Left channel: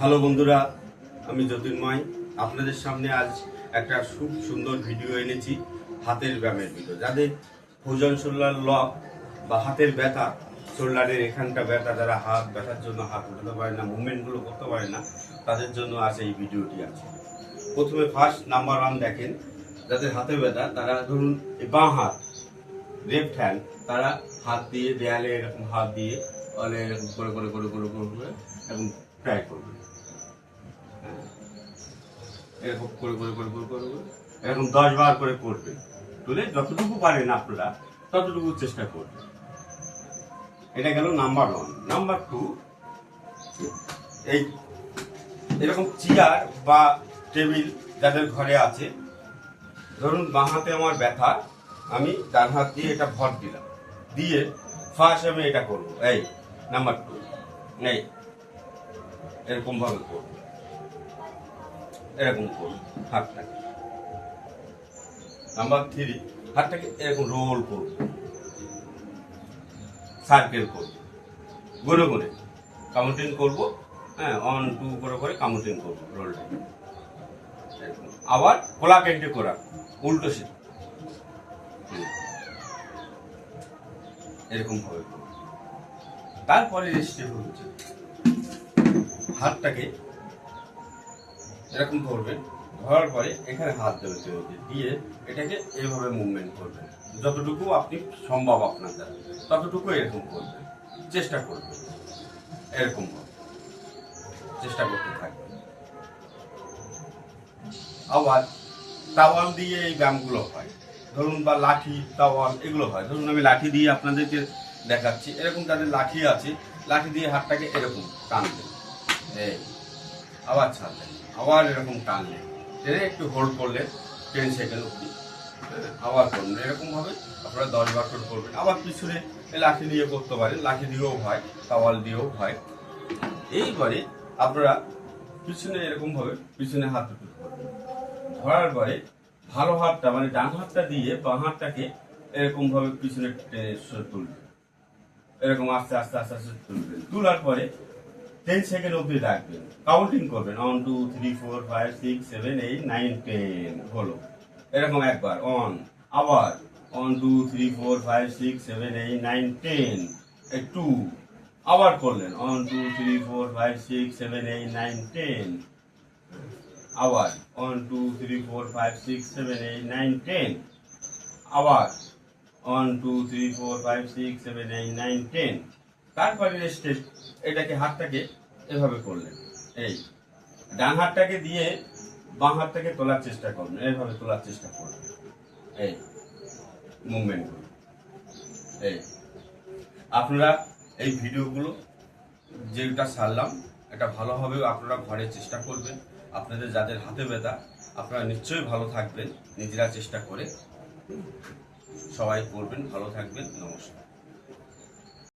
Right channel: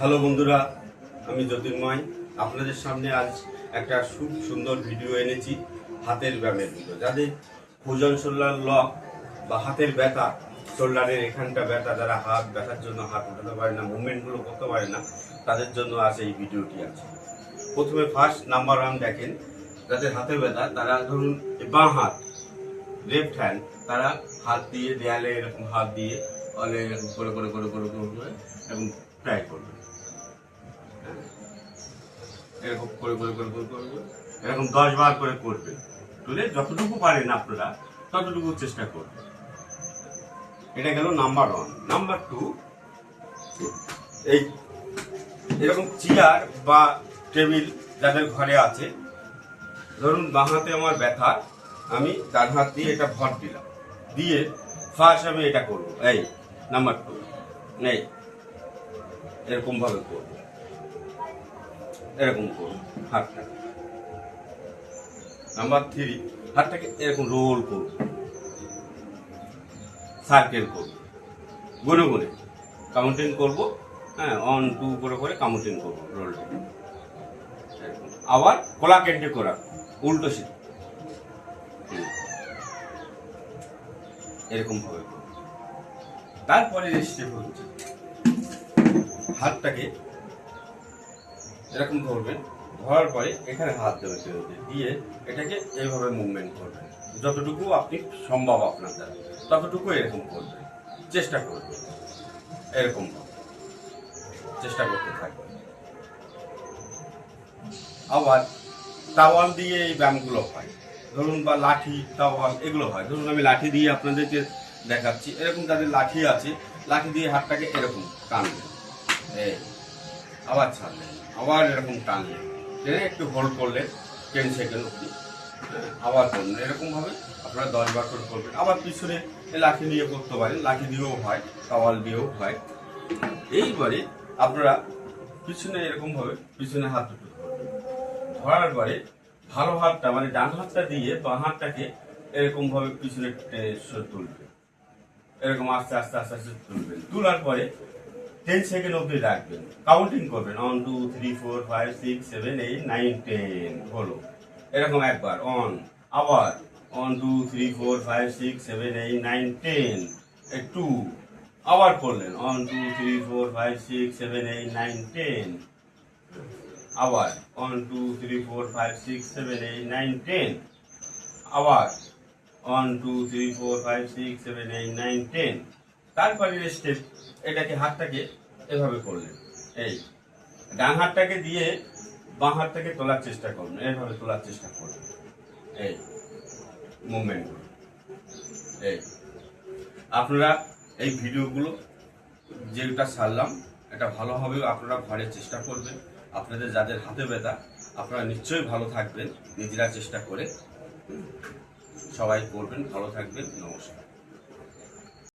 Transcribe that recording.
Hello বন্ধুরা, আমি জ্যোতির্ময় আপনাদের সামনে আজ একটা খুব সুন্দর ভিডিও এনেছি হাতের ব্যায়ামের ভিডিও। যাদের ভুজং শোল্ডার লক বা হাতের ব্যথা, শোল্ডারের এখানটা ব্যথা, যারা হাত ব্যথার জন্য হাত উঠাতে পারে না, মুভমেন্টগুলো করতে পারে না, তাদের জন্য আজ এই ভিডিওটি আছে। প্রথমে ফার্স্ট নাম্বার 1 দেখেন, যাদের হাতের ব্যথা তারা ধরুন বাঁ হাত, লেফট হ্যান্ড, তারা হাত দিয়ে দেয়ালে এরকম হাত দিয়ে এরকম করে করে করে করে করে এবং ট্রাই করবে, এরকম করে করে করে করে করবে, এরকম 10 বার করে করবে। তুলে যতটুকু পারেন আপনারা ততটুকু চেষ্টা করবেন। এটা গেল নাম্বার 1। নাম্বার 2, এই এরকম চেয়ার বা টেবিল যাদের ঘরে আছে, ধরুন বাঁ হাতে আমার ব্যথা, আমি ডান হাত দিয়ে এটা ভর দিলাম, দিয়ে ফার্স্ট আমি এটা করবো, এই নাম্বার 2, এই এরকম ভাবে করবো, এরকম করবো হাতটাকে। নাম্বার 3, হাতটাকে এরকম রোল করবো, সার্কেল করবো, গুনে গুনে কাউন্টিং করবো। হ্যাঁ, 1 2 করে করে কাউন্টিং করবো রোলটা। আবার খোলা কেন্দ্রে করা, উল্টো সিধা এরকম ভাবে। তারপরে স্টেপ হচ্ছে হাতটাকে এরকম ধরবেন, ধরার পরে এখানে হাত দেবেন, দিয়ে এটাকে এইভাবে মুভমেন্ট করবেন। যতটুকু আপনি সম্ভব আপনার দ্বারা ততটুকু এরকম করবেন, চেষ্টা করবেন, এরকম চেষ্টা করতে থাকবেন। আবার তাওয়াল দিয়ে এই ব্যায়ামগুলো হয়, ধরুন বা লাঠি তাওয়াল এগুলো হয়। ধরুন আমি লাঠি দিয়ে আপনাদেরকে দেখাচ্ছি, এরকম যাদের লাঠি আছে, লাঠি দিয়ে হাতটাকে এরকম টানবেন, আবার ছাড়লেন, আবার এরকম টানলেন, টেনে একটু হোল্ড করলে 10 সেকেন্ড অব্দি, আবার করলেন। এরকম ভাবে আপনারা 10 বার করে করবেন। আবার পিছনে লাঠি দিয়ে করতে পারেন, লাঠি দিয়েও হয়, তাওয়াল দিয়েও হয়। এইবারে আপনারা পিছনে এরকম ভাবে পিছনে হাত দুটো ধরার পরে ভালো হাতটা মানে ডান হাতটা দিয়ে বাঁ হাতটাকে এরকম ভাবে পিছনে তুলবেন, এরকম আস্তে আস্তে আস্তে আস্তে তুলবেন। তোলার পরে 10 সেকেন্ড অব্দি রাখবেন, কাউন্টিং করবেন, 1 2 3 4 5 6 7 8 9 10 হলো। এরকম একবার অন, আবার 1 2 3 4 5 6 7 8 9 10, 2 আবার করলেন, 1 2 3 4 5 6 7 8 9 10, আবার 1 2 3 4 5 6 7 8 9 10, আবার 1 2 3 4 5 6 7 8 9 10। তারপরে স্টেপ, এটাকে হাতটাকে এভাবে করলেন, এই ডান হাতটাকে দিয়ে বাঁ হাতটাকে তোলার চেষ্টা করবেন, এইভাবে তোলার চেষ্টা করবেন, এই মুভমেন্ট। এই আপনারা এই ভিডিওগুলো যেটা ছাড়লাম এটা ভালোভাবে আপনারা ঘরে চেষ্টা করবেন। আপনাদের যাদের হাতে ব্যথা, আপনারা নিশ্চয়ই ভালো থাকবেন, নিজেরা চেষ্টা করে সবাই করবেন, ভালো থাকবেন। নমস্কার।